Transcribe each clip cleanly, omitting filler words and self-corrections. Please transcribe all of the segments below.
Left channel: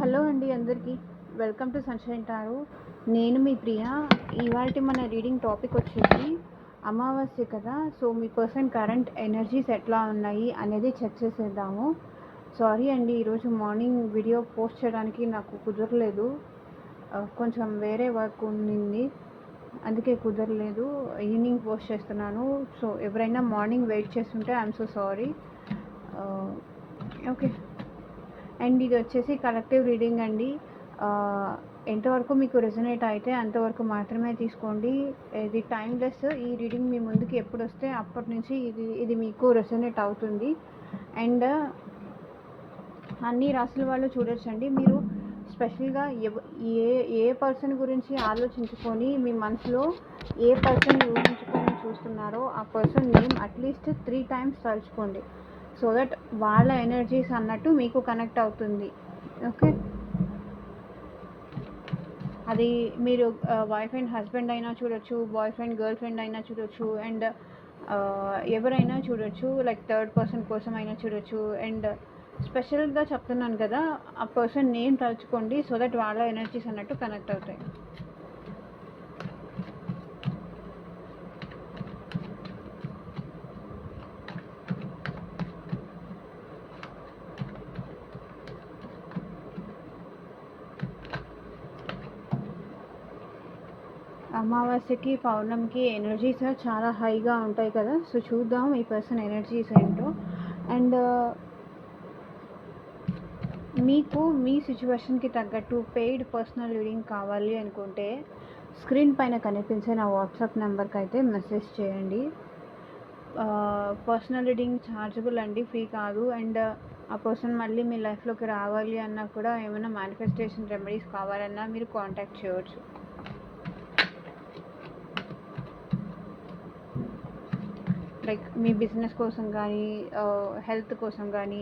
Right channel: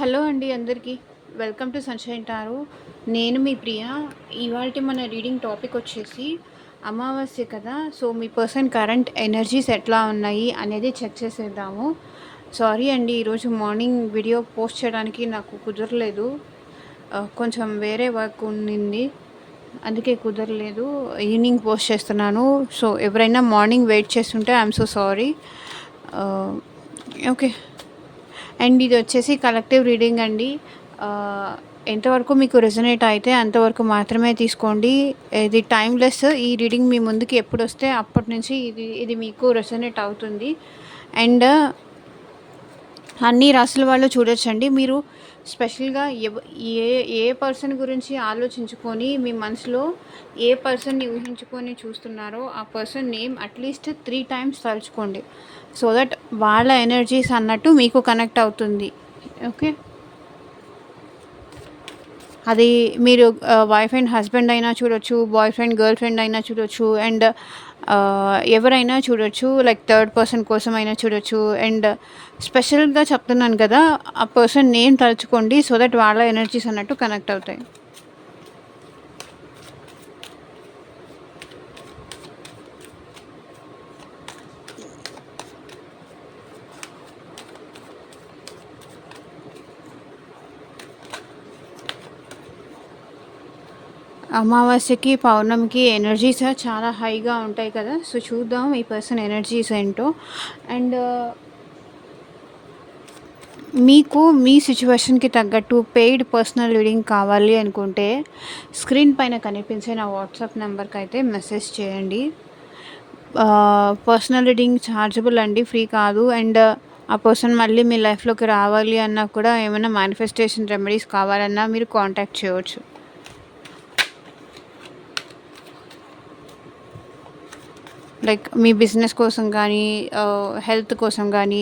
Hello అండి అందరికీ. Welcome to sunshine tarot. నేను మీ ప్రియ. ఇవాల్టి మన రీడింగ్ టాపిక్ వచ్చేసి అమావాస్య కదా! సో, మీ పర్సన్ కరెంట్ ఎనర్జీస్ ఎట్లా ఉన్నాయి అనేది చెక్ చేసేద్దాము. సారీ అండి, ఈరోజు మార్నింగ్ వీడియో పోస్ట్ చేయడానికి నాకు కుదరలేదు. కొంచెం వేరే వర్క్ ఉన్నింది. అందుకే కుదరలేదు. ఈవినింగ్ పోస్ట్ చేస్తున్నాను. సో, ఎవరైనా మార్నింగ్ వెయిట్ చేస్తుంటే I'm so sorry. Okay. And ఇది వచ్చేసి కలెక్టివ్ రీడింగ్ అండి. ఎంతవరకు మీకు రెజొనేట్ అయితే అంతవరకు మాత్రమే తీసుకోండి. ఇది టైమ్‌లెస్. ఈ రీడింగ్ మీ ముందుకి ఎప్పుడొస్తే అప్పటి నుంచి ఇది మీకు రెజొనేట్ అవుతుంది. అండ్ అన్ని రాసుల వాళ్ళు చూడొచ్చండి. మీరు స్పెషల్‌గా ఏ ఏ పర్సన్ గురించి ఆలోచించుకొని మీ మనసులో ఏ పర్సన్‌ని ఊహించుకొని చూస్తున్నారో ఆ పర్సన్ నేమ్ అట్‌లీస్ట్ 3 టైమ్స్ తలుచుకోండి. సో దట్ వాళ్ళ ఎనర్జీస్ అన్నట్టు మీకు కనెక్ట్ అవుతుంది. ఓకే. అది మీరు వైఫ్ అండ్ హస్బెండ్ అయినా చూడొచ్చు, బాయ్ ఫ్రెండ్ గర్ల్ ఫ్రెండ్ అయినా చూడొచ్చు, అండ్ ఎవరైనా చూడొచ్చు, లైక్ థర్డ్ పర్సన్ కోసం అయినా చూడొచ్చు. అండ్ స్పెషల్గా చెప్తున్నాను కదా, ఆ పర్సన్ నేమ్ తలుచుకోండి సో దట్ వాళ్ళ ఎనర్జీస్ అన్నట్టు కనెక్ట్ అవుతాయి. అమావాస్యకి పౌర్ణమికి ఎనర్జీస్ చాలా హైగా ఉంటాయి కదా. సో చూద్దాం ఈ పర్సన్ ఎనర్జీస్ ఏంటో. అండ్ మీకు మీ సిచ్యువేషన్కి తగ్గట్టు పెయిడ్ పర్సనల్ రీడింగ్ కావాలి అనుకుంటే స్క్రీన్ పైన కనిపించే నా వాట్సాప్ నెంబర్కి అయితే మెసేజ్ చేయండి. పర్సనల్ రీడింగ్ ఛార్జబుల్ అండి, ఫ్రీ కాదు. అండ్ ఆ పర్సన్ మళ్ళీ మీ లైఫ్లోకి రావాలి అన్నా కూడా, ఏమైనా మేనిఫెస్టేషన్ రెమెడీస్ కావాలన్నా మీరు కాంటాక్ట్ చేయవచ్చు. లైక్ మీ బిజినెస్ కోసం కానీ, హెల్త్ కోసం కానీ,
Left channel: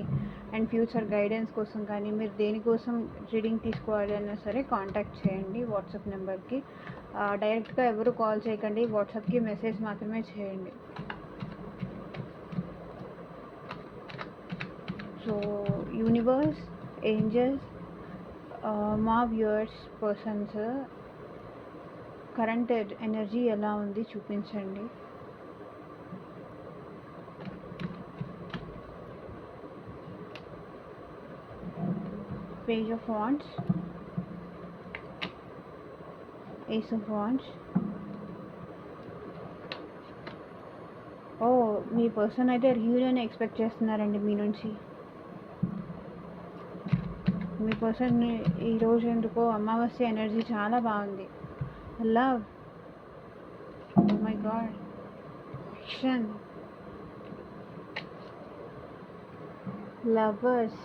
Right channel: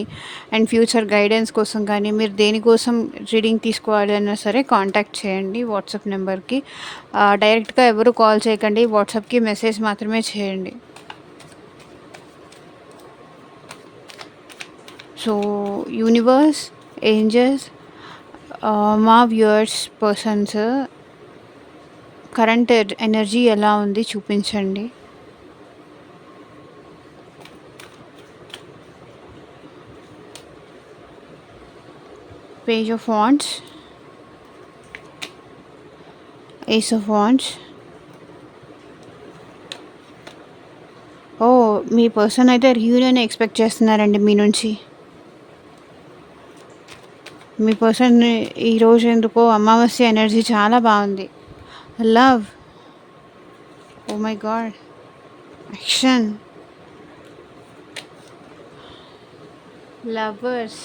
అండ్ ఫ్యూచర్ గైడెన్స్ కోసం కానీ, మీరు దేనికోసం రీడింగ్ తీసుకోవాలి అన్నా సరే కాంటాక్ట్ చేయండి వాట్సాప్ నెంబర్కి. డైరెక్ట్గా ఎవరు కాల్ చేయకండి, వాట్సాప్కి మెసేజ్ మాత్రమే చేయండి. సో యూనివర్స్, ఏంజల్స్, మా వ్యూయర్స్ పర్సన్స్ కరెంట్ ఎనర్జీ ఎలా ఉంది చూపించండి. Page of Wands, Ace of Wands. Me person అయితే రీయూనియన్ ఎక్స్పెక్ట్ చేస్తున్నారండి మీ నుంచి. మీ పర్సన్ ఈరోజు ఎందుకో అమావాస్య ఎనర్జీ చాలా బాగుంది. Love, oh my god, action, lovers,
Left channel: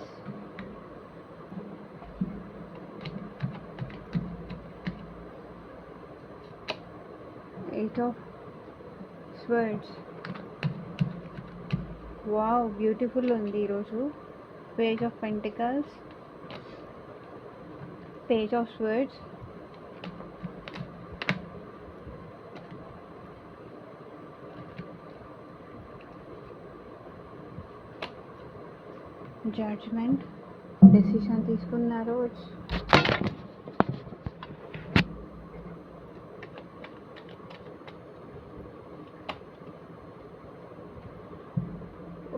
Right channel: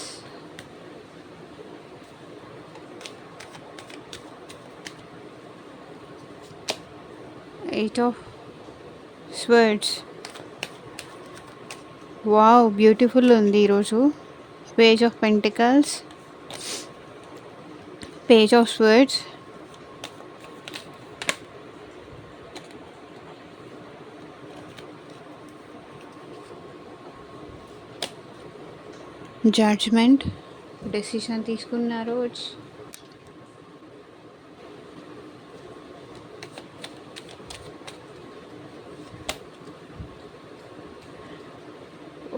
eight of swords. Wow, beautiful ఉంది ఈరోజు. Page of pentacles, page of swords, judgement. Decision తీసుకున్నారు.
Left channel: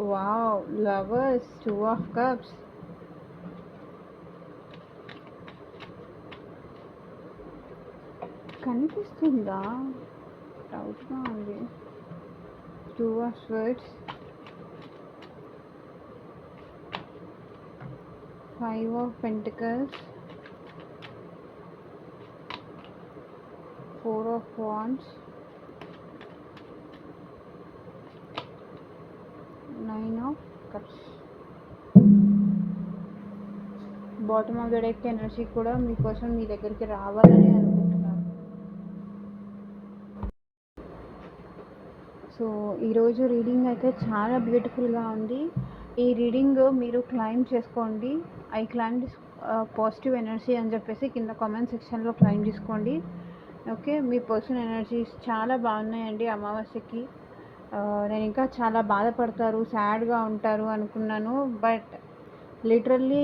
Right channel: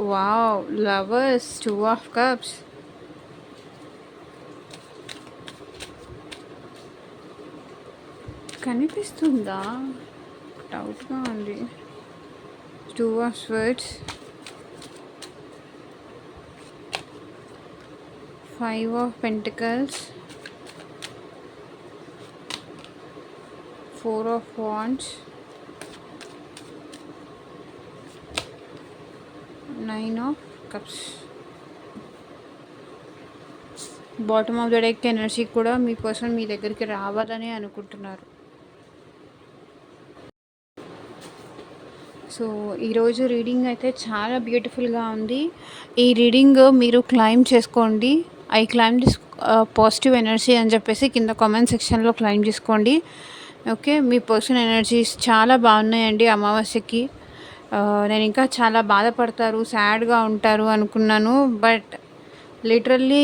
Wow, lovers, 2 of cups. కనిపిస్తుందా? డౌట్గా ఉంది. 2 of swords, 5 of pentacles, 4 of wands, 9 of cups. Bottom of the deck energy కూడా మీ person మీ దగ్గరికి రావాలని అనుకుంటున్నారు. సో ఈరోజు రీడింగ్ అయితే చాలా బ్యూటిఫుల్గా ఉంది. ఈ రీడింగ్ మీరు క్లైమ్ చేసుకోండి. I claim this positive energy అని చెప్పేసి కింద కామెంట్ సెక్షన్లో క్లైమ్ చేసుకోండి. ఓకే. మీ పర్సన్ ఎనర్జీస్ చాలా బాగున్నాయండి అమావాస్యకి. నేను ఇంకా చాలా బాధపడతారు, సాడ్గా ఉంటారు అనుకున్నాను. బట్ లిటరల్లీ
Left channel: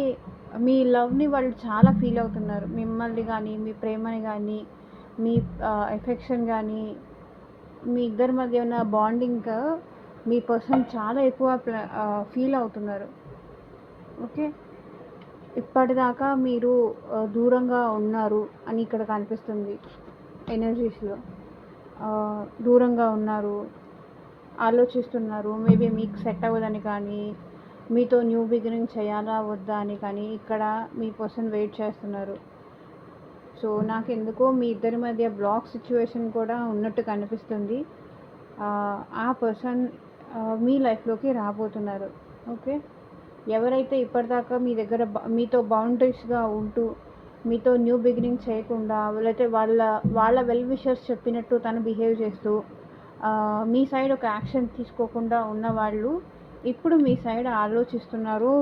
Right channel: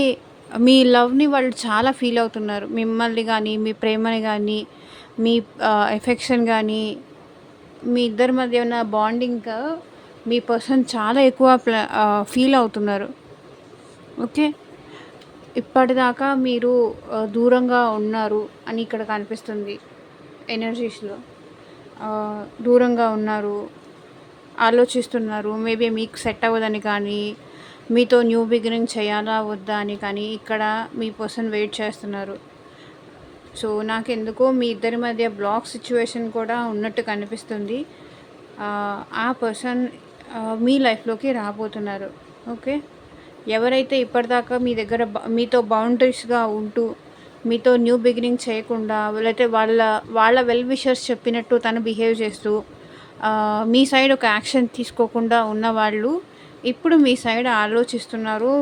మీ లవ్‌ని వాళ్ళు చాలా ఫీల్ అవుతున్నారు. మిమ్మల్ని గానీ, మీ ప్రేమని గానీ, మీ ఎఫెక్షన్ గానీ, మీ ఇద్దరి మధ్య ఉన్న బాండింగ్ మీ పర్సన్ చాలా ఎక్కువ ఫీల్ అవుతున్నారు. ఓకే. ఇప్పటిదాకా మీరు దూరంగా ఉన్నారు అని ఇక్కడ కనిపిస్తుంది ఎనర్జీస్‌లో. దూరంగా ఉన్నారు, ఆలోచిస్తున్నారు. మేబీ మీకు సెట్ అవ్వదని కానీ, మీతో న్యూ బిగినింగ్ చేయాలా వద్దా అని కానీ ఇక్కడ మీ పర్సన్ వెయిట్ చేస్తున్నారు. సో నాకెందుకో మీ ఇద్దరి మధ్య బ్లాక్ సిచ్యువేషన్ కూడా ఉన్నట్టు కనిపిస్తుంది. ఆ పర్సన్ మీ లైఫ్లోకి రాబోతున్నారు. ఓకే. ఎవరైతే ఇప్పటిదాకా మీ దగ్గర మీతో బౌండరీస్గా ఉంటూ మీతో న్యూ బిగినింగ్ చేయకుండా, లేకపోతే వాళ్ళ వెల్ విషర్స్ చెప్పినట్టు తను బిహేవ్ చేస్తూ మీ సైడ్ ఒక యాక్షన్ తీసుకోకుండా ఉన్నవాళ్ళు ఇప్పుడు మీ సైడ్ ఆలోచిస్తున్నారు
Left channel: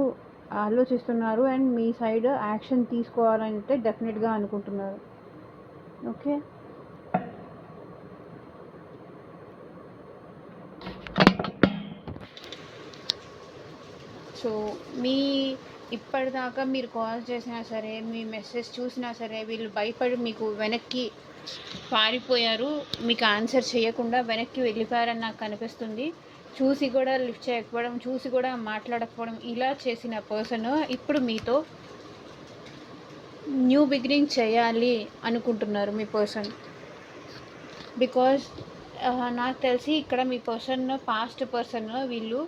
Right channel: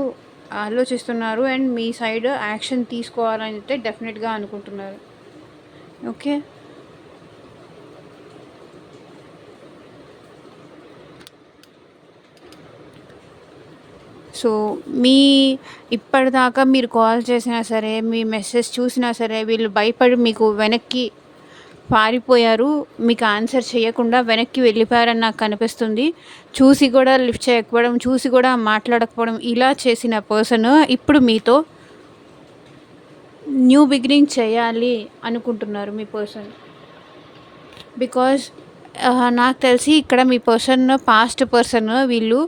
అండ్ మీ సైడ్ యాక్షన్ తీసుకోవాలని అయితే డెఫినెట్గా అనుకుంటున్నారు. ఓకే. సో ఇప్పటిదాకా మీరు కాల్ చేసినా సరే, మీ మెసేజ్ చూసినా సరే, వీళ్ళు భయపడి మీకు వెనక్కి పారిపోయారు. మీకు ఆన్సర్ చేయకుండా వెనక్కి వెళ్ళిపోయారని నాకు కనిపిస్తుంది. చూసి కూడా లిఫ్ట్ చేయకపోవడం, చూసి కూడా మాట్లాడకపోవడం, ఇలా చేసిన పర్సన్ ఇప్పుడు మీతో న్యూ బిగినింగ్ చేయాలి అనుకుంటున్నారు మీ పర్సన్. బికాజ్ నాకు తెలిసి ఇక్కడ మీ పాస్ట్ పర్సన్ వీళ్ళు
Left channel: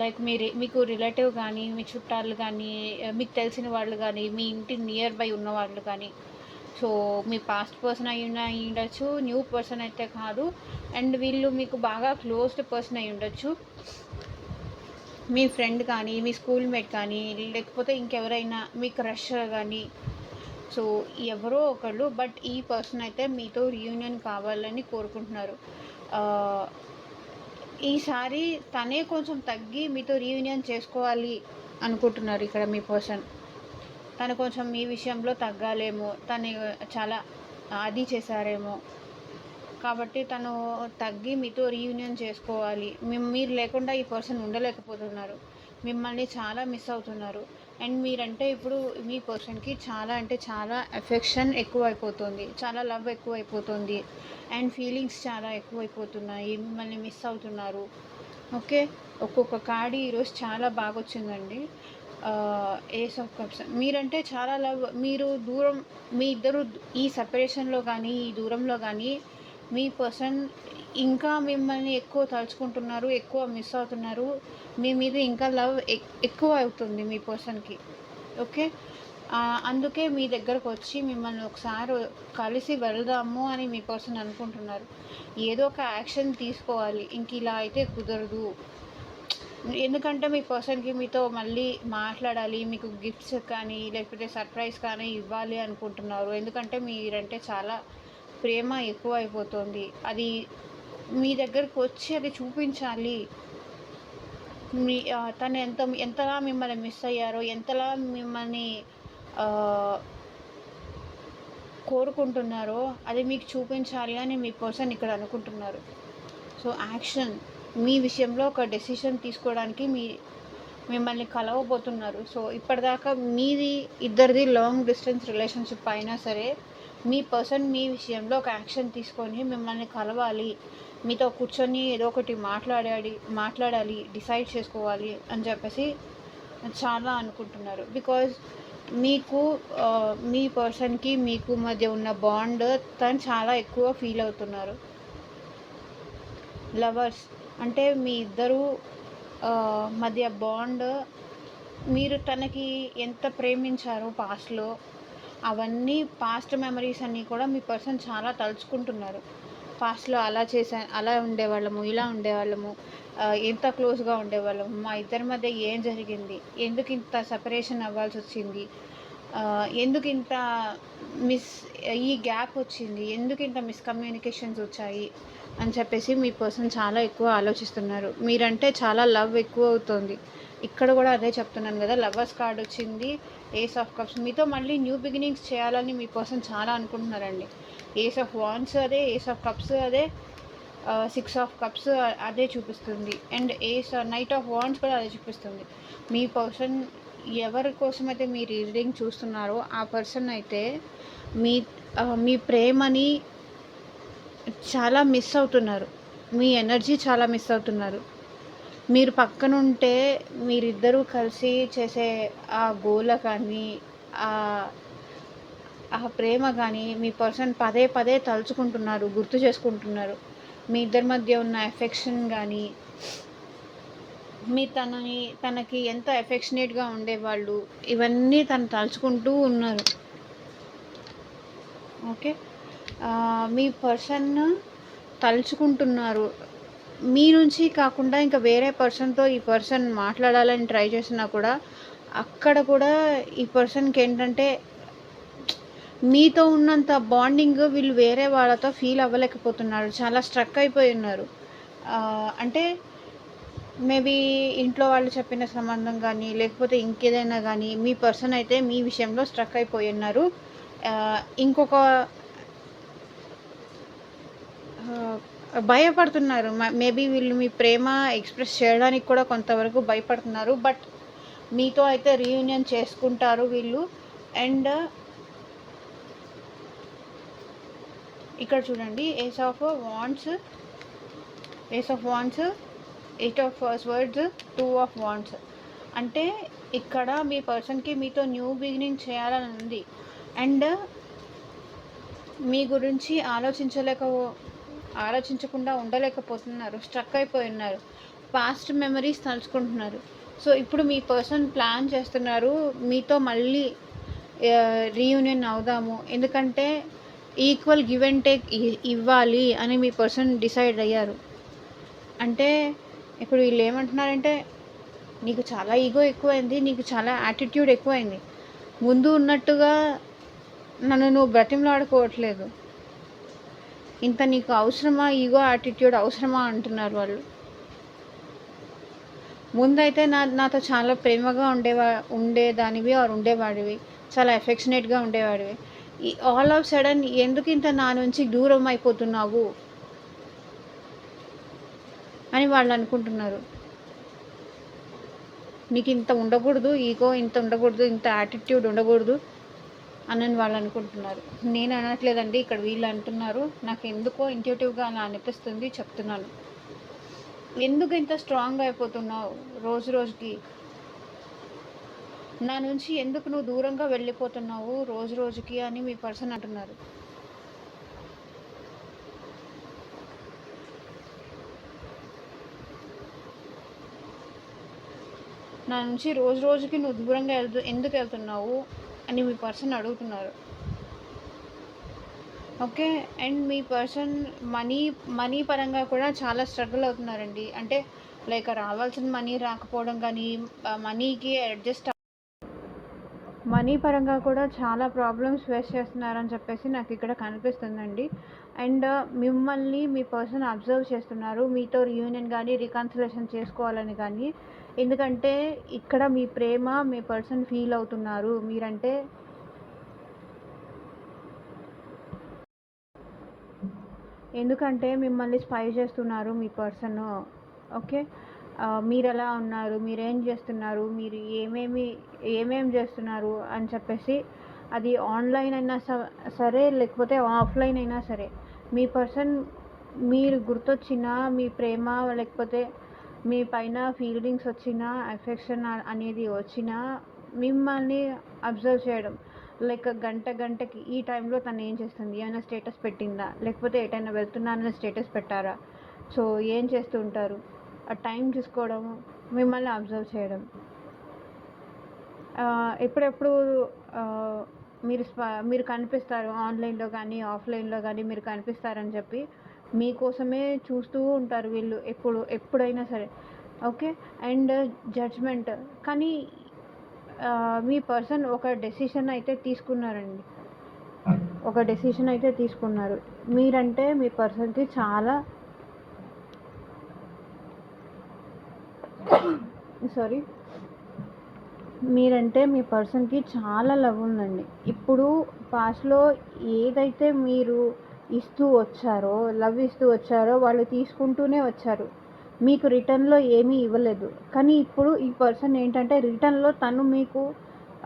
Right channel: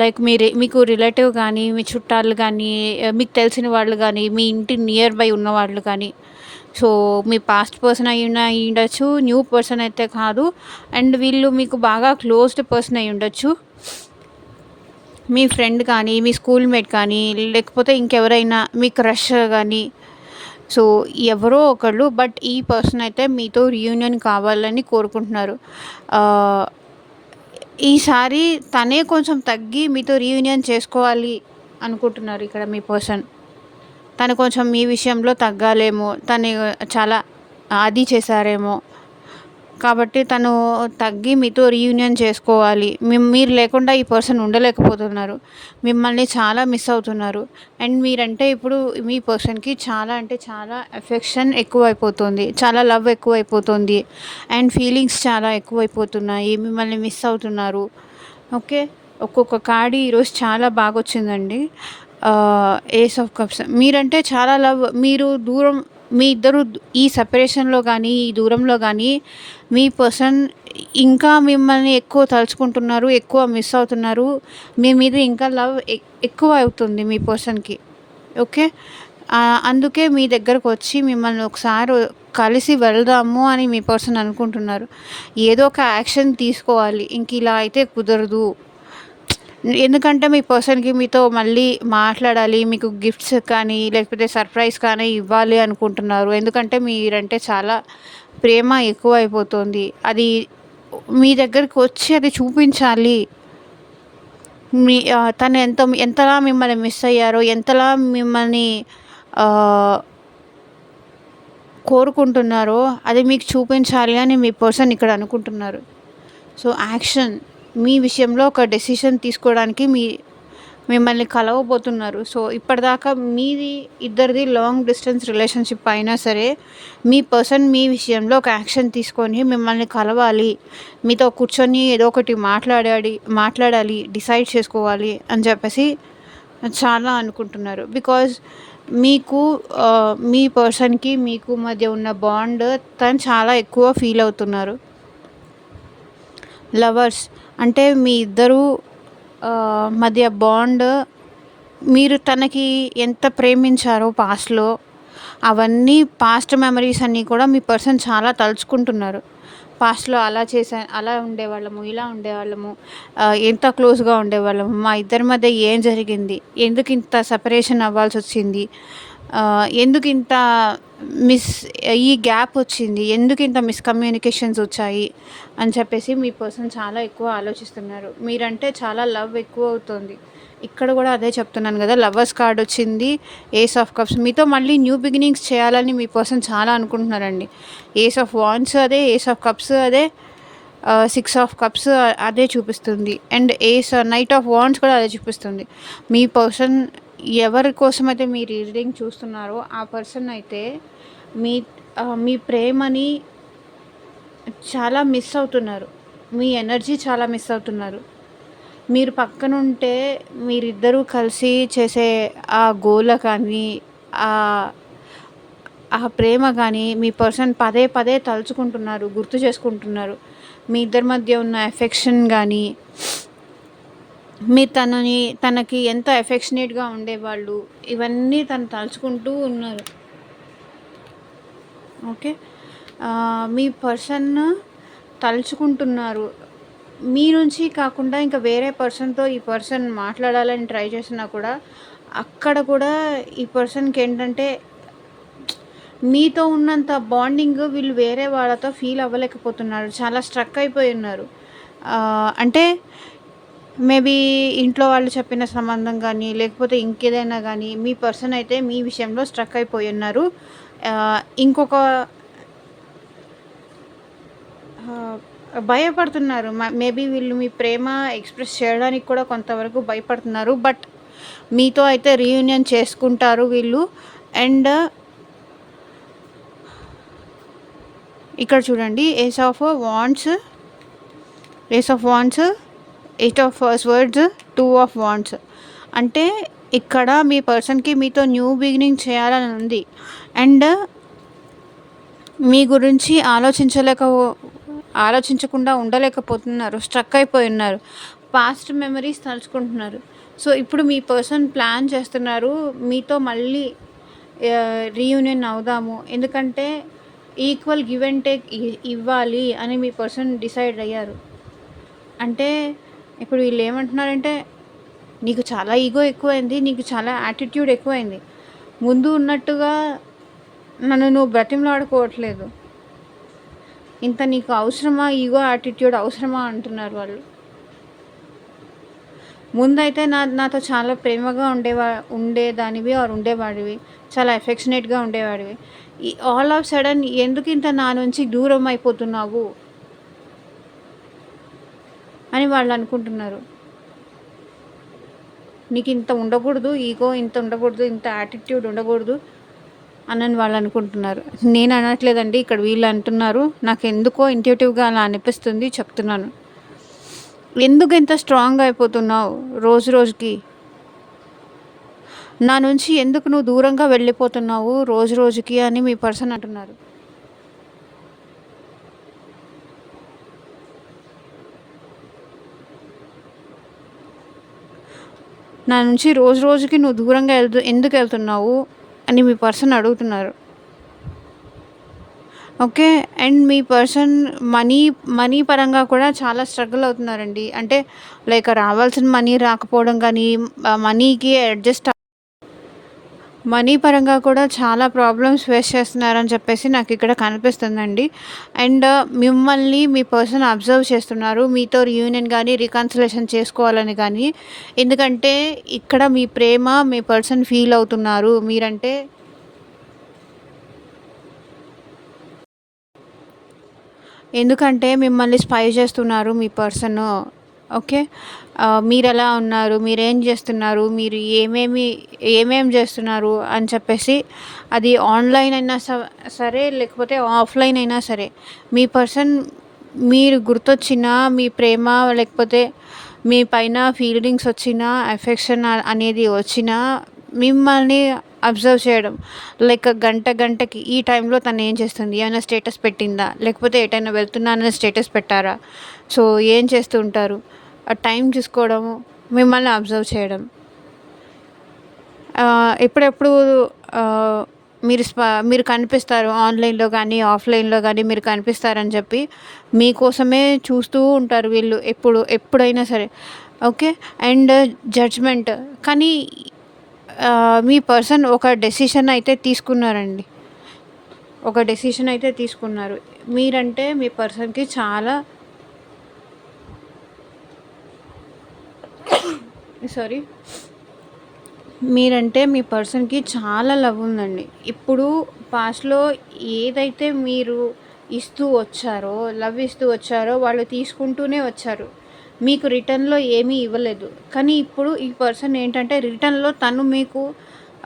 లైక్ మీకు రిలేటివ్ కానీ, మీ చుట్టాలు కానీ, మీకు తెలిసిన వాళ్ళు కానీ, మీ ఇంటి నియర్ బై ఉన్నవాళ్ళు కానీ, సో మీ పాస్ట్ పర్సన్ అయి ఉండొచ్చు, న్యూ పర్సన్ అయితే కాదు. అండ్ వీళ్ళు మీకు బాగా క్లోజ్డ్ పర్సన్ అయి ఉండొచ్చు. మీ ఫ్రెండ్ కానీ, మీ స్కూల్మేట్ కానీ, లేకపోతే ఇంకెవరైనా మీ క్రష్ కానీ, సో ఎవరో ఒకళ్ళు. బట్ ఈ పర్సన్ అయితే మీతో రీయూనియన్ కావాలని కోరుకుంటున్నారు. ఈసారి తనే కొంచెం తగ్గి మీతో రీయూనియన్ చేసుకోవాలి అనుకుంటున్నారు ఇక్కడ మీ పర్సన్. తను కొంచెం మీ విషయంలో తగ్గాలేమో, తను చాలా అది చేశారేమో, కాబట్టి తను తగ్గి మీతో రీయూనియన్ చేసుకోవాలి. మీరు లేకుండా ఈ పర్సన్ ఉండలేకపోతున్నారు. మిమ్మల్ని చాలా మిస్ అవుతున్నారు. అండ్ మీరంటే ఇప్పుడు మీ పర్సన్కి చాలా అంటే చాలా ఎఫెక్షన్ ఎక్కువైపోతుంది, చాలా లవ్ ఎక్కువైపోతుంది అండ్ ఫీలింగ్స్ చాలా ఎక్కువైపోతున్నాయి. మిమ్మల్ని మిస్ అవుతున్నారు. ఓకే. ఒక్కొక్క కార్డు ఈరోజు చాలా బాగా వచ్చిందండి. Ace of cups. మీరంటే చాలా లవ్. మీ ఇద్దరు ఈ సెపరేషన్లో కానీ, ఈ దూరంలో కానీ మీ పర్సన్ ఇంకా మిమ్మల్ని ఎక్కువ తలుచుకుంటున్నారు, ఎక్కువ మిస్ అవుతున్నారు. మీ మీద ఇంకా లవ్ ఎక్కువ అవుతుంది మీ పర్సన్కి. ఓకే. అందుకే మీ దగ్గరకు వచ్చి మిమ్మల్ని ఒకసారి కలిసి వెళ్దాము అని మీ పర్సన్ అనుకుంటున్నారు. ఏదో ఒక యాక్షన్ తీసుకోవాలి, ఇంక ఇలా అయితే కుదరదు. ఎందుకంటే మీ పర్సన్కి మీతో మళ్ళీ మాట్లాడాలి, మీకు గిఫ్ట్స్ కానీ లేకపోతే సర్ప్రైజ్ కానీ ఇవ్వాలి అనుకుంటున్నారు. ఎందుకంటే మీరంటే చాలా ప్రేమ ఎక్కువ అయిపోతుంది. అది మీ దగ్గరికి వచ్చి అది చూపించాలి. తను ఎంతలా మిమ్మల్ని మిస్ అయ్యారో, ఎంతలా మిమ్మల్ని కోరుకుంటున్నారో అది మీకు చూపించాలి అని మీ పర్సన్ ఇక్కడ అనుకుంటున్నారు. సో యాక్షన్ మీ విషయంలో ఒక డెసిషన్ తీసుకోవడానికి మిమ్మల్ని కలవబోతున్నారు. సో ఇప్పటిదాకా ఇద్దరిది లాంగ్ డిస్టెన్స్ రిలేషన్షిప్ అయినా సరే మీ పర్సన్ మీ విషయంలో ఒక యాక్షన్ తీసుకొని మిమ్మల్ని కలవాలి, మీతో కూర్చొని ఏదో ఒకటి మాట్లాడాలి, డిసైడ్ చేసుకోవాలి అని చెప్పేసి చాలా అనుకుంటున్నారు. బికాజ్ మీ పర్సన్కి మీకు మధ్య ఉన్న బాండ్ తను చాలా ఎక్కువ ఫీల్ అవుతున్నారు. లవర్స్ అంటే మీ ఇద్దరు మధ్య బాండ్, మీరు తనకి ఎంత ప్రేమించారో పాస్ట్లో అవన్నీ పాస్ట్ మెమరీస్ అన్నీ కూడా మీ పర్సన్ చాలా తలుచుకుంటున్నారు. పాస్ట్లో అలా ఉండేవాళ్ళము, ఇలా ఉండేవాళ్ళము, ఎంత క్లోజ్గా ఉండేవాళ్ళము, మా ఇద్దరి మధ్య ఏం జరిగింది, ఎందుకు ఇంత సెపరేషన్ అవ్వాల్సి వచ్చింది, ఎందుకు ఇంత ఈ గ్యాప్ వచ్చింది, ఎందుకు ఇంత మిస్కమ్యూనికేషన్స్ వచ్చాయి అని చెప్పేసి మీ పర్సన్ చాలా ఎక్కువ ఆలోచిస్తున్నారు. మీరంటే చాలా లవ్ ఎక్కువ అవుతుంది. ఇక్కడ కూడా అదే చెప్తున్నాను కదా, లవర్స్ కార్డ్ వచ్చింది, ఏస్ ఆఫ్ కప్స్. మీతో మళ్ళీ న్యూ బిగినింగ్స్ చేయాలని మీ పర్సన్ చాలా అనుకుంటున్నారండి. ఏస్ ఆఫ్ వాండ్స్ అదే, ఏస్ ఆఫ్ కప్స్ అదే, 6 ఆఫ్ కప్స్ అదే చూపిస్తుంది. అండ్ నైట్ ఆఫ్ వాండ్స్ కూడా అదే చూపిస్తుంది. మీ పర్సన్ ఎవరి కోసమైతే మీరు ఈ రీడింగ్ చూస్తున్నారో ఆ పర్సన్ అయితే మీ మీ ప్రేమని చాలా మిస్ అవుతున్నారు. మీ ఎనర్జీ చాలా మిస్ అవుతున్నారు. మీరు పక్కనుంటే మీరిద్దరూ కలిసి చేసే ఆ గోల కానీ, ఆహ్, ఆ ప్రేమ కానీ మీ పర్సన్ పదే పదే తలుచుకుంటున్నారు, గుర్తు చేసుకుంటున్నారు. మీ ఇద్దరి మధ్య ఉన్న ఎఫెక్షన్ గానీ, మీరు తనకి ఎంత ఎఫెక్షనేట్‌గా ఉండేవాళ్ళు, ఇవన్నీ తను తలుచుకుంటూ ఉన్నారు. ఓకే. మీ పర్సన్ తలుచుకుంటున్నారు. మీ నుంచి కాకుండా ఇంకా వేరే పర్సన్‌తో ఈ పర్సన్ మాట్లాడాలని ట్రై చేసినా కూడా, అక్కడ కూడా ఈ పర్సన్‌కేంటంటే మీతో ఉన్నంత బాండింగ్ వీళ్ళు వేరే వాళ్ళతో ఫీల్ అవ్వలేకపోతున్నారు. చాలా స్ట్రక్ అయిపోయి ఉన్నారు. అంటే మేబీ ఇంట్లో వాళ్ళు చెప్పిన సంబంధం గానీ, లేకపోతే ఇంకేదైనా గానీ, మీ పర్సన్ అయితే మీ విషయంలో స్ట్రక్ అయిపోయి ఉన్నారు. ఇంకొక భయపడుతున్నారు. మేబీ వీళ్ళు మీ ప్రేమ ఎక్స్‌ప్రెస్ చేయడానికి కూడా కొంతవరకు భయపడుతున్నారు. బట్ మీతో అయితే రీయూనియన్ చేసుకుంటారు వీళ్ళు. అండ్ ఇక్కడ చూడండి, ace of wands, eight of swords, two of wands. అంటే ఇక్కడ మీ పర్సన్‌కి మీతో న్యూ బిగినింగ్ చేయాలని ఉంది. అండ్ మీ గురించి ఆలోచించకుండా ఉండలేకపోతున్నారు. స్ట్రక్ అయిపోయి ఉన్నారు. Past memories తలుచుకుంటున్నారు. సో ఇప్పుడు మీ పర్సన్ ప్లాన్ చేస్తున్నారు మీతో మళ్ళీ రీయూనియన్ అవుదాము. ఎందుకంటే ఈక్వల్ గివ్ అండ్ టేక్ ఇవ్వాలి అని మీ పర్సన్ డిసైడ్ అయ్యారు. అంటే ఇప్పుడు వీళ్ళు ఏమంటున్నారంటే, నీకు చాలా ఈగో ఎక్కువైంది, నీకు చాలా యాటిట్యూడ్ ఎక్కువైంది. ముందు ఉన్నట్టుగా నన్ను నువ్వు బ్రతిమలాడుకోవట్లేదు. ఇంత నీకు అవసరమా, ఈగో యాటిట్యూడ్ అవసరమా అంటున్నారు వాళ్ళు. ముందైతే నాతో చాలా ప్రేమగా ఉండేదానివి ఆర్ ఉండేవాడివి, చాలా ఎఫెక్షనేట్గా ఉండేవాడివి. ఆల్ ఆఫ్ సడన్ ఎందుకు ఇంత నా నుంచి దూరం అయిపోతున్నావు అని వాళ్ళు అనుకుంటున్నారు. నీకు ఇంత ఉండకూడదు, ఈగో ఇంత ఉండకూడదు, ఇంత యాటిట్యూడ్ ఉండకూడదు అని వాళ్ళు అనుకుంటున్నారు. నేను అనట్లేదండి, ఇక్కడ వీళ్ళు అంటున్నారు. నాకు ఎందుకో ఇంట్యూటివ్గా అలా అనిపిస్తుంది, చెప్తున్నాను. ఎందుకు ఇంత స్ట్రాంగ్ అయిపోతున్నావు రోజు రోజుకి? నా నుంచి ఎందుకు నువ్వు దూరంగా వెళ్ళిపోతున్నావు రోజు రోజుకి అని మీ పర్సన్ అంటున్నారు. నా నుంచి రోజు రోజుకి నువ్వు దూరంగా ఎందుకు వెళ్తున్నావు అని మీ పర్సన్ అడుగుతున్నారు. Okay. And me person money పరంగా కూడా చాలా స్ట్రగుల్ అవుతున్నారండి. అంటే లైక్ రావాల్సిన మనీ రాకపోవడం కానీ, మనీకి అడ్జస్ట్ మనీ పరంగా కూడా చాలా ప్రాబ్లమ్స్ ఫేస్ చేస్తున్నారని చెప్పేసి నాకు ఇక్కడ కనిపిస్తుందండి. అండ్ మిమ్మల్ని మీ పర్సన్ అబ్జర్వ్ చేస్తున్నారు. మీతో రీయూనియన్ కానీ, రికన్సిలేషన్ చేసుకోవాలని కానీ. ఎందుకంటే ఇక్కడ మీ ప్రేమ మీ పర్సన్ ఫీల్ అవుతున్నారు. మీరంటే ఎందుకంటే మిమ్మల్ని స్పై చేస్తున్నారు మీ పర్సన్. ఓకే. మీరెలా ఉన్నారు, మీరేం చేస్తున్నారు, మీరు ఏమేమి చేస్తున్నారు అని చెప్పేసి, అది ఆన్లైన్ అయినా సరే, లేకపోతే ఆఫ్లైన్ అయినా సరే, మీ పర్సన్ మీరు గుర్తొచ్చినా, మీ ప్రేమ లేకపోతే మీ పైన ఫీలింగ్స్ వచ్చినా, ఎఫెక్షన్ అనేది వచ్చినా మిమ్మల్ని అబ్జర్వ్ చేయడం. లైక్ గంటకి ఈ టైంలో తను ఏం చేస్తుంది, ఏమైనా స్టేటస్ పెట్టిందా, లేకపోతే ఎటైనా వెళ్తున్నానని స్టేటస్ పెట్టారా, సో ఏం చేస్తూ ఉంటారు, ఆ టైం చూసుకోవడము, మిమ్మల్ని అబ్జర్వ్ చేయడం. ఎప్పుడెప్పుడు మీరు కనిపిస్తారు ఆన్లైన్లో కానీ, ఆఫ్లైన్లో కానీ మీరు కనిపిస్తారని చెప్పి మీకోసమే చూస్తూ ఉంటారు వీళ్ళు ఎప్పుడైనా సరే. ఓకే. And judgement. కానీ మీ పర్సన్ ఒక డెసిషన్ అయితే తీసుకున్నారండి. మీరంటే మీ పర్సన్కి చాలా మీరంటే మీ పర్సన్కి చాలా లవ్ ఉందండి. ఇప్పుడు పాస్ట్లో ఏదైతే మీరు లవ్ ఇస్తూ వచ్చారో వాళ్ళు తీసుకుంటూనే వచ్చారు. మీకు రిటర్న్‌లో ఏమీ ఇవ్వలేదు. కానీ ఇప్పుడు ఈ పర్సన్ ఏంటంటే రిటర్న్‌లో తను మీకు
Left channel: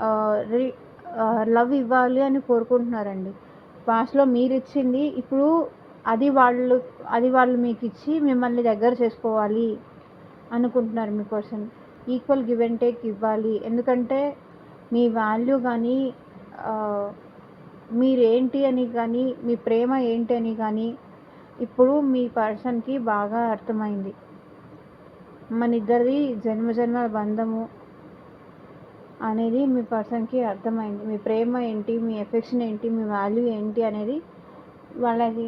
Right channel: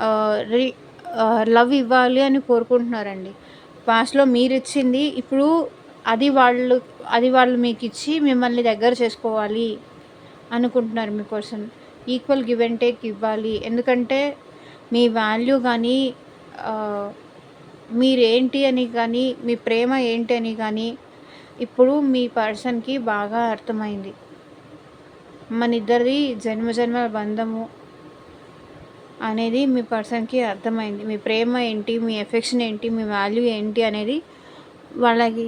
ఆహ్, రి లవ్ ఇవ్వాలి అని కోరుకుంటున్నారండి. పాస్ట్‌లో మీరిచ్చింది ఇప్పుడు అది వాళ్ళు అది వాళ్ళు మీకిచ్చి మిమ్మల్ని దగ్గర చేసుకోవాలి అనుకుంటున్నారు మీ person. Equal give and take ఇవ్వాలి. ఎందుకంటే మీ వాల్యూ గానీ ఆహ్, మీరేంటి అని గానీ, మీ ప్రేమ ఏంటి అని గానీ ఇప్పుడు మీ పర్సన్‌కి బాగా అర్థమైంది. మనిద్దరిది జన్మజన్మల బంధము అనేది మీ పర్సన్‌కి అర్థమైంది. మీ ప్రేమ ఏంటి, మీ ఎఫెక్షన్ ఏంటి, మీ వాల్యూ ఏంటి అనేది వాళ్ళకి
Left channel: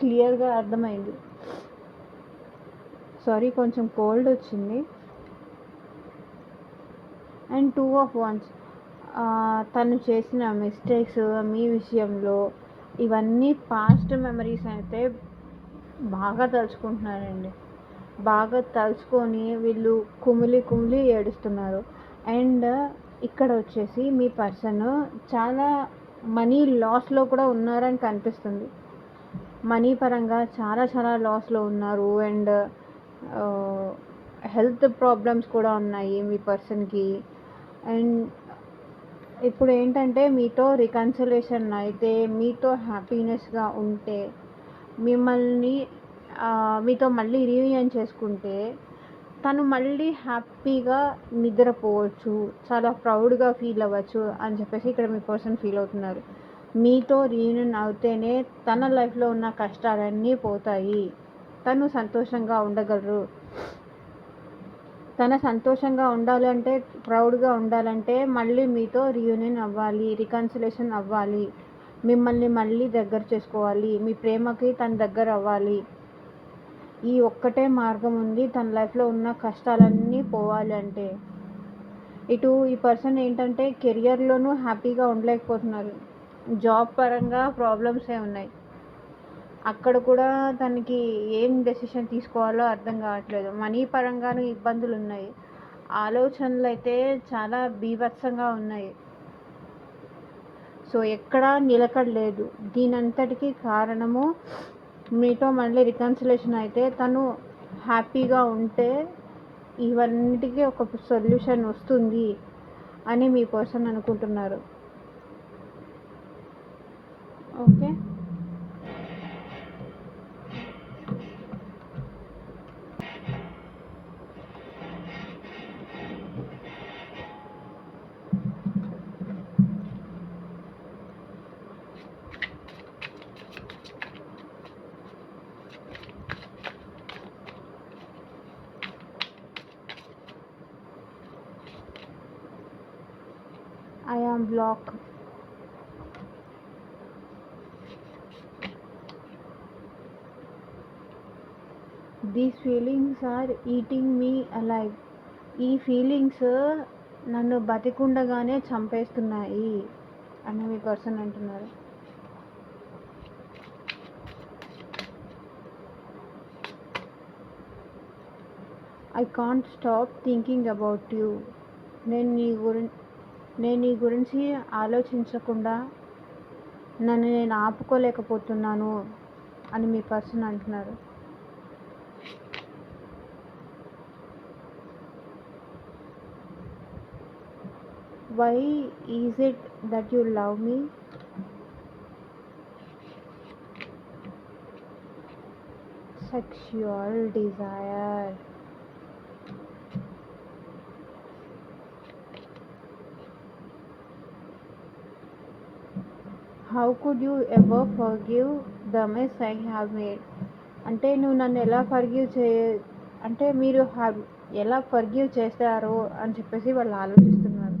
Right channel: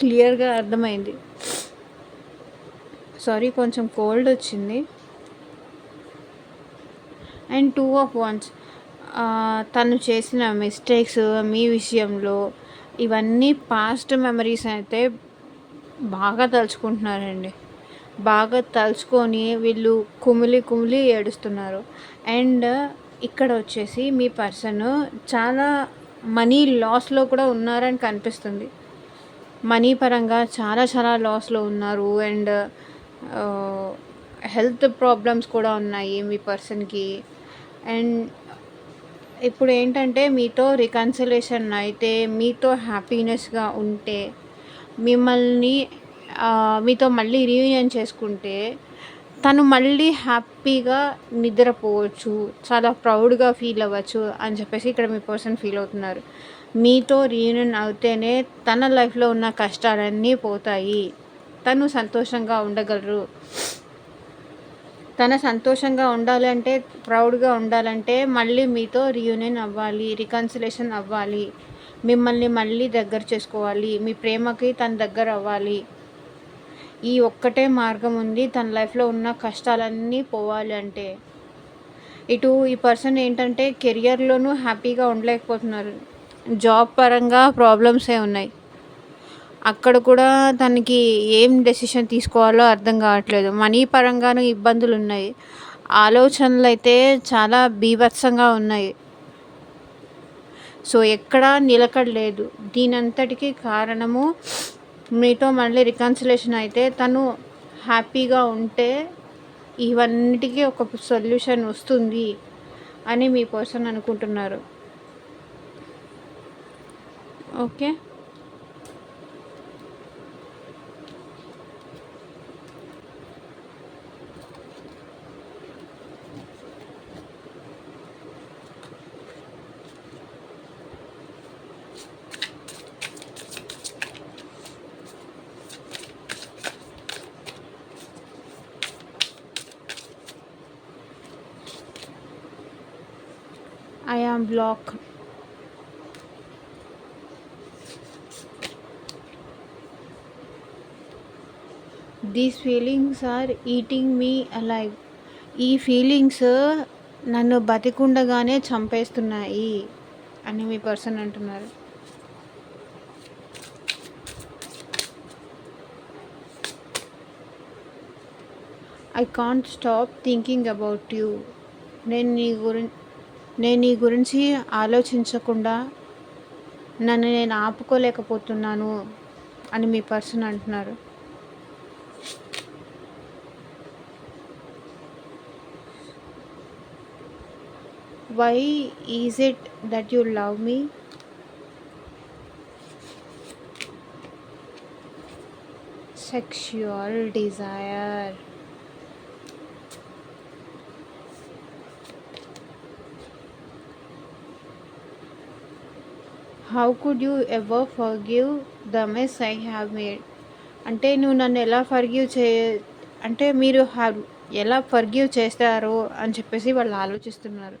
క్లియర్‌గా అర్థమైంది. సారీ, కొంచెం కోల్డ్ వచ్చింది. అండ్ 2 ఆఫ్ వాండ్స్, తను చేసిన మిస్టేక్స్ మీ విషయంలో ఇవన్నీ పాస్ట్ మెమరీస్ అయితే బాగా తలుచుకుంటున్నారండి. బాగా తలుచుకొని వీళ్ళు కుమిలి కుమిలి ఏడుస్తున్నారు. అండ్ ఇక్కడ వచ్చేసి మీ పర్సన్ చాలా మనీ లాస్‌లో కూడా ఉన్నారని కనిపిస్తుంది. మనీ పరంగా చాలా చాలా లాస్‌లో ఉన్నారు. అండ్ హెల్త్ ప్రాబ్లమ్స్ కూడా ఉన్నాయి మీ పర్సన్‌కి. అండ్ ఇప్పుడు ఏంటంటే మీతో రికన్సిలేషన్ అయితే, మీతో హ్యాపీనెస్‌గా ఉంటే, మిమ్మల్ని మీతో మళ్ళీ రీయూనియన్ చేసుకుంటే, తను మళ్ళీ హ్యాపీగా నిద్రపోవచ్చు, చాలా ప్రౌడ్‌గా ఫీల్ అవ్వచ్చు అని చెప్పేసి ఇక్కడ మీ పర్సన్ ఫీల్ అవుతున్నారు. మీతో రీయూనియన్ అవుతేనే తన లైఫ్‌లో ఉన్న కష్టాలన్నీ పోతాయి. తను సంతోషంగా ఉండగలరు. తన సంతోషంగా ఉండాలంటే, ప్రౌడ్‌గా ఉండాలంటే మళ్ళీ మీతో రీయూనియన్ అవ్వాలి, రికన్సిలేషన్ అవ్వాలి. మిమ్మల్ని మళ్ళీ దగ్గర చేసుకోవాలి. మీ ప్రేమకి తను దగ్గర అవ్వాలి. ఈ ఒక్కటే మార్గం ఉంది తన లైఫ్‌లో ఉన్న కష్టాలన్నీ పోవాలి అంటే. ఇటు ఈ పర్సన్ ఏంటంటే కెరియర్‌లోనూ హ్యాపీగా ఉండలేకపోతున్నారు. జాబ్ పరంగా ప్రాబ్లమ్సే ఉన్నాయి. అక్కడ కూడా తనకి ఏం డెసిషన్ తీసుకోవాలో అర్థం కావట్లేదు. మనీ పరంగాను ఇబ్బందులున్నాయి. ఆలోచనలైతే చాలా బీభత్సంగా ఉన్నాయి. సో, ఎక్కడా నిలకడ లేదు. దీనంతటికి కారణము మీతో మళ్ళీ రికన్సిలేషన్ అయితే తను హ్యాపీగా ఉంటే ఇవన్నిటికీ ఒక సొల్యూషన్ వస్తుంది అని మీ పర్సన్ అనుకుంటున్నారు. Okay. I am blocked. These feelings are eating me alive. ఈ ఫీలింగ్స్ నన్ను బతికుండగానే చంపేస్తున్నాయి అని మీ పర్సన్ అంటున్నారు. I can't stop thinking about you. నేను నీ గురించి ఆలోచించకుండా నన్ను నేను ఆపుకోలేకపోతున్నాను అని మీ పర్సన్ అంటున్నారు. Why is it that you love me? Sexual desire. How could you ever forgive the mess I have made? అంటే నువ్వు నన్ను ఎలా అంటే మీరు ఎలా ఫర్గివ్ చేస్తారు అని చెప్పేసి వాళ్ళు ఆలోచిస్తున్నారు.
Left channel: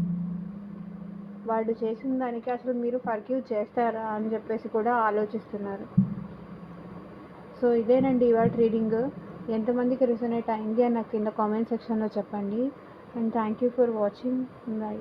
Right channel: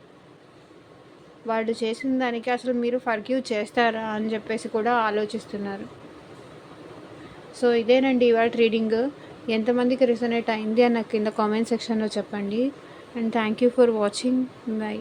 వాళ్ళు చేసిన దానికి అసలు మీరు ఫర్గివ్ చేస్తారా అని చెప్పేసి కూడా ఆలోచిస్తున్నారు. సో ఇదేనండి ఇవాళ రీడింగ్. ఎంతమందికి రిజనేట్ అయింది అని నాకు కింద కామెంట్ సెక్షన్లో చెప్పండి. And thank you for watching. By.